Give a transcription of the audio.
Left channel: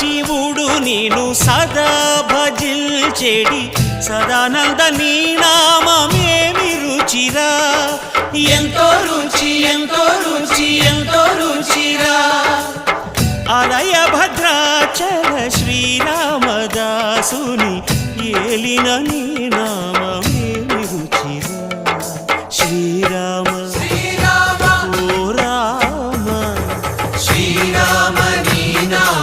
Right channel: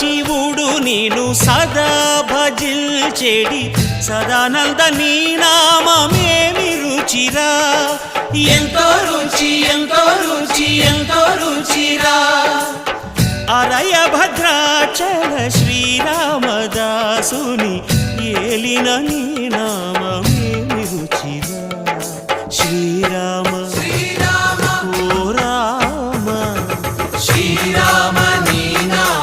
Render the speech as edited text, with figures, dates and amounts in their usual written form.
శివుడు నేను సదా భజిల్చెడి సదానంద నీ నామమేమి రుచిరా, ఎంతో రుచి ఎంతో రుచి ఎంతో రుచిరా. అరయ భద్రాచల శ్రీరామదాసుని ఏలిన నీ నామమేమి రుచిరా. శ్రీరామ ఓ రామ శ్రీరామ నీ నామం